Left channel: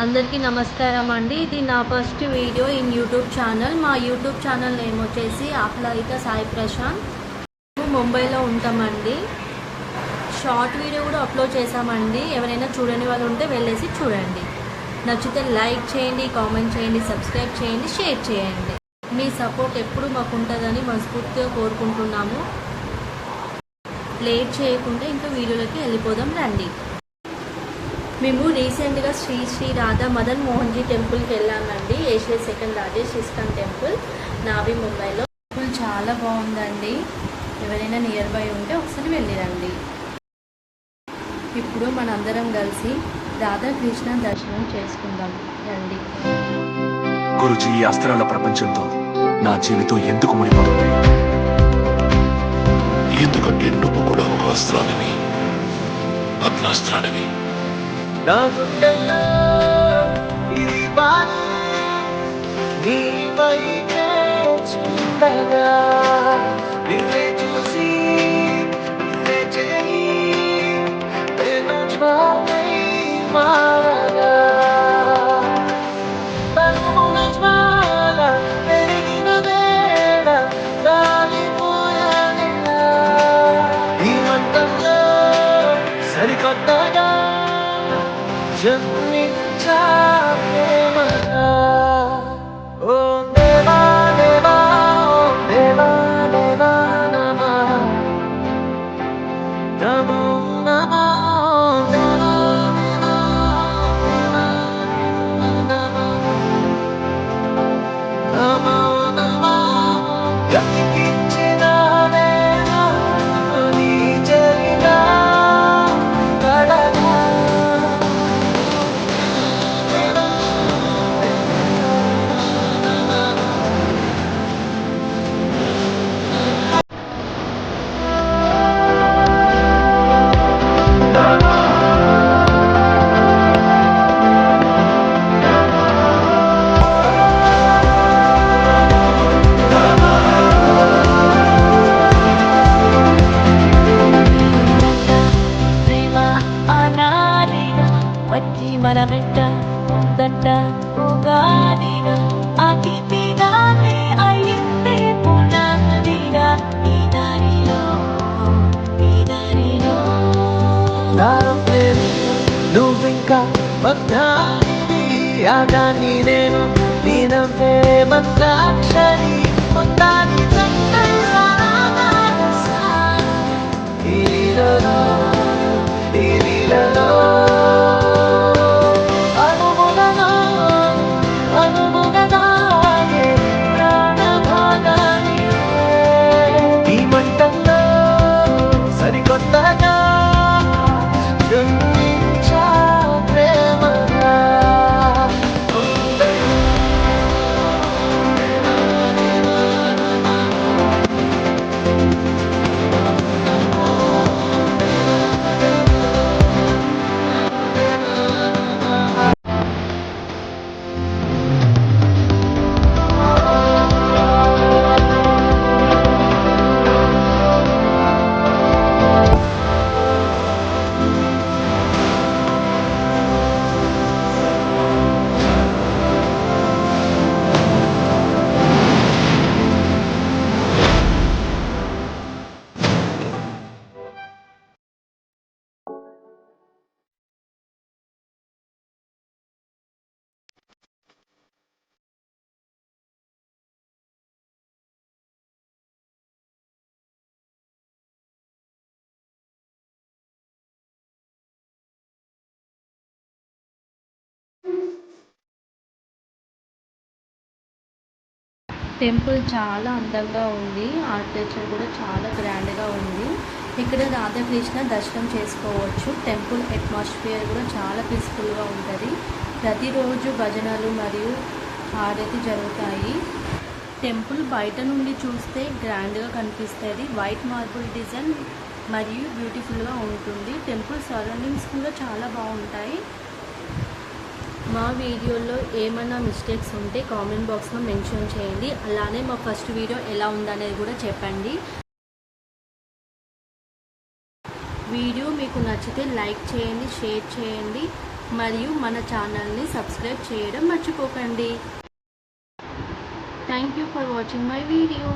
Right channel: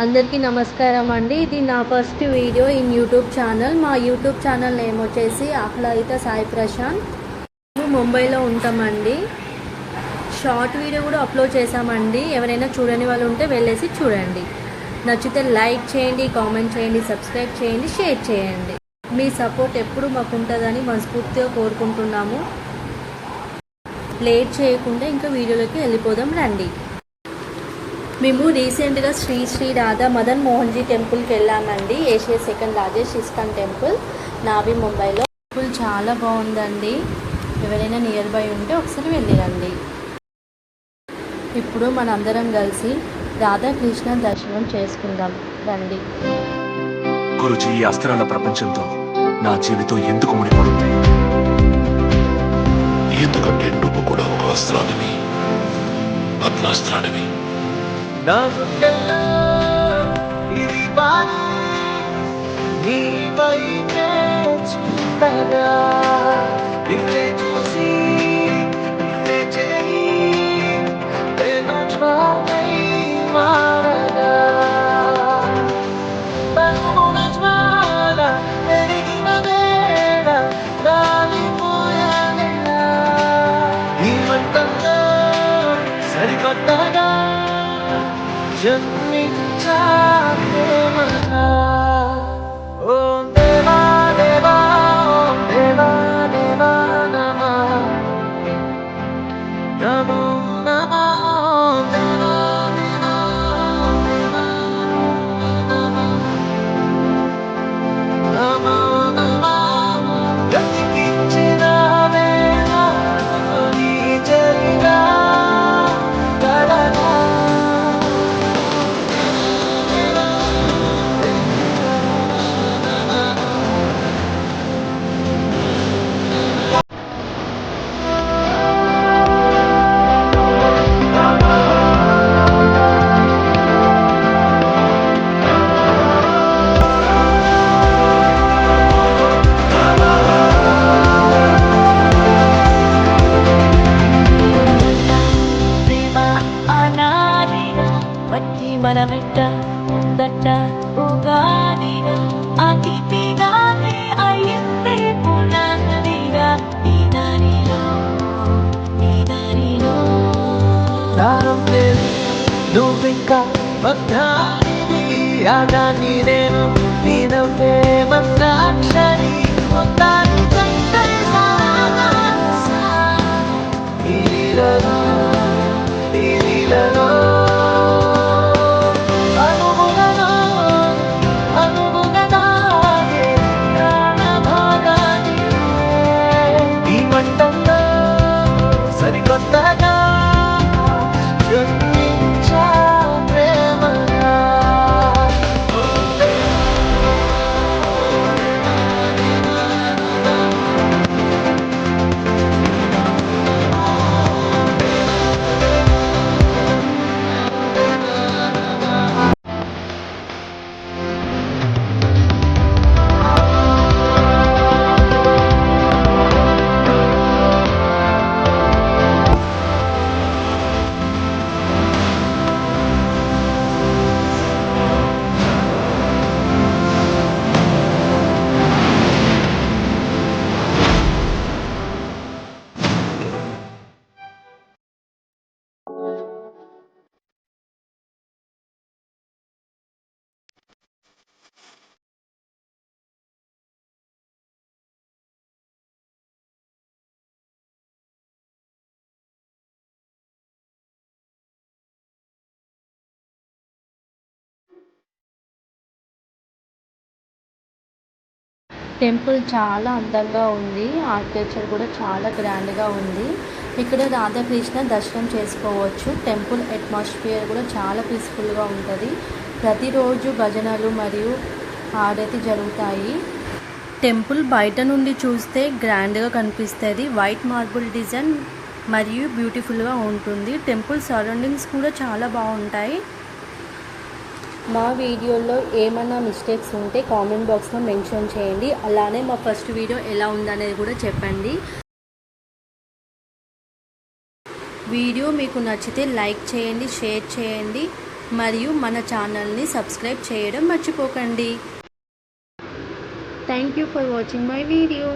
అందరికీ నమస్కారం అండి. ఇది నా first video in YouTube channel. మా యూట్యూబ్ ఛానల్ నేమ్ వచ్చేసి ఆహ్లాదిత సాయి ప్రశాంత్. మేము ముంబైలో ఉంటామండి. షార్ట్ వీడియో కూడా అప్లోడ్ చేశామండి. ఎవరైనా చూడని వాళ్ళు ఉంటే వెళ్ళేసి చూడండి. నచ్చితే లైక్ చేయండి, కామెంట్ చేయండి, సబ్స్క్రైబ్ చేయండి, షేర్ చేయండి. మీ సపోర్ట్ ఎప్పుడు మాకు ఉంటుందని మనస్ఫూర్తిగా కోరుకుంటున్నాము. లేట్ చేయకుండా ఇంకా వీడియోలోకి వెళ్ళిపోదాం రండి. మేము రీసెంట్గా శ్రీ శ్రీ రాధా మదన్ మోహన్జీ టెంపుల్కి వెళ్ళామండి. Asia second largest ISKCON temple, నావి ముంబైలో. టెంపుల్ చాలా బాగుందండి. ఎవరైనా నియర్ బై ఉంటే ఒకసారి వెళ్ళిరండి. ఇప్పుడు మనందరం కలిసి రాధాకృష్ణ దర్శనం చేసుకుందాం రండి. గురుజీ, ఈ అస్త్రాల ప్రపంచంతో నా జీవితం ఎందుకు ముడిపడుతుంది? ఎందుకంటే నువ్వు కూడా ఒక అస్త్రానివి, అగ్నాస్త్రానివి. నా గుండెల్లో ఇది బాణం నీపైనే చూడగా, నిన్నే చూసి నిన్నే చేయి నేను జ్వాలై మారగా. తనువున జ్వాల పెరిగిన వేళ కాలిపోయానిలా. ఈ మంటల్లో సరికొత్తగా జన్మించా ప్రేమగా. ఓం దేవా దేవా, ఓం దేవా దేవా నమః, నమో నమః. ఓం దేవా దేవా, ఓం దేవా నమః, నమో నమః. బ్రతికించిన వేళ నీ జరిగా గడగా. మన వెంట ఉందంట ఉగాదిగా, అతిథిగానే అయ్యిందే పునదిగా. ఈ దారిలో దారం లేదు, నువ్వింకా భక్తానివి. యాగాన్ని నేను నీనవే మంత్రాక్షరి పొందాలి సరికొత్తగా జన్మించా ప్రేమగా. టెంపుల్ చాలా అందంగా ఉంది. ఆర్కిటెక్చర్ కూడా చాలా గ్రాండ్గా ఉంది. ఇక్కడ రాధాకృష్ణ దర్శనం చేసుకోవచ్చు. టెంపుల్ అట్మాస్ఫియర్ కూడా చాలా పీస్ఫుల్గా ఉంటుంది. ప్రతిరోజు భజనలు మరియు హారతి జరుగుతాయి. టెంపుల్ బయట నుండి చూస్తే గ్రాండ్గా కనిపిస్తుంది. వైట్ మార్బుల్ డిజైన్ మరియు బ్యూటిఫుల్గా ఉంటుంది. టెంపుల్ సరౌండింగ్స్ కూడా చాలా బాగుంటాయి. మా వీడియోలో ఏమైనా మిస్టేక్స్ ఉంటే కామెంట్ బాక్స్లో మెన్షన్ చేయండి. అలానే మా ఫస్ట్ వీడియో ఎలా ఉందనేది కూడా చెప్పండి. వీడియో మీకు నచ్చితే లైక్ చేయండి, షేర్ చేయండి, మరియు మన ఛానల్ని సబ్స్క్రైబ్ చేయడం మర్చిపోకండి. Thank you for watching my video.